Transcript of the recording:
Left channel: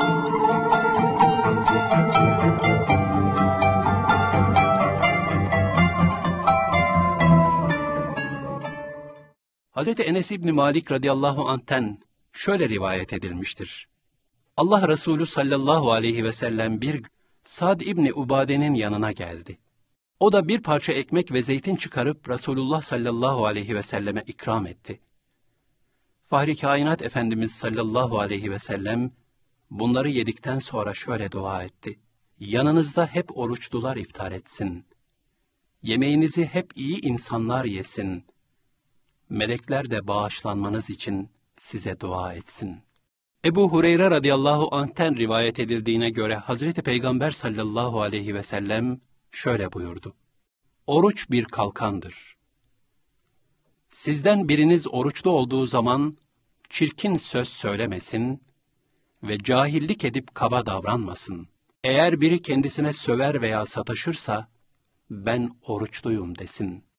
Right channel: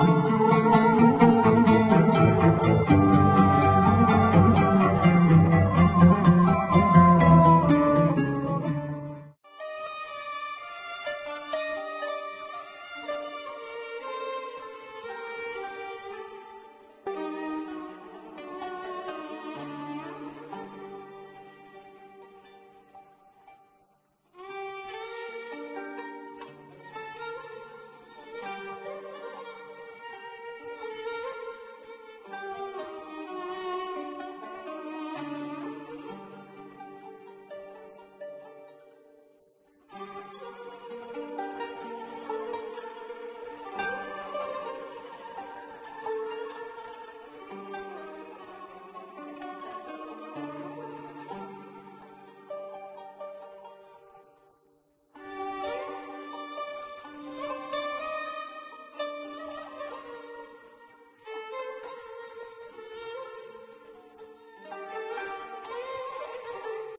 Hz. Enes İbni Malik radıyallahu anh'ten şöyle rivayet edilmiştir. Allah Resulü sallallahu aleyhi ve sellem bir Sad İbni Ubade'nin yanına geldi. O da bir parça ekmek ve zeytin çıkarıp Resulullah sallallahu aleyhi ve selleme ikram etti. Fahri Kainat Efendimiz sallallahu aleyhi ve sellem bunları yedikten sonra şöyle dua etti. Yanınızda hep oruçlular iftar etsin. Yemeğinizi hep iyi insanlar yesin. Melekler de bağışlanmanız için size dua etsin. Ebu Hureyre radıyallahu anh'ten rivayet edildiğine göre Hazreti Peygamber sallallahu aleyhi ve sellem şöyle buyurdu. Oruç bir kalkandır. Sizden biriniz oruçlu olduğu zaman çirkin söz söylemesin ve cahillik edip kaba davranmasın. Eğer biri kendisine söver veya sataşırsa ben oruçluyum desin.''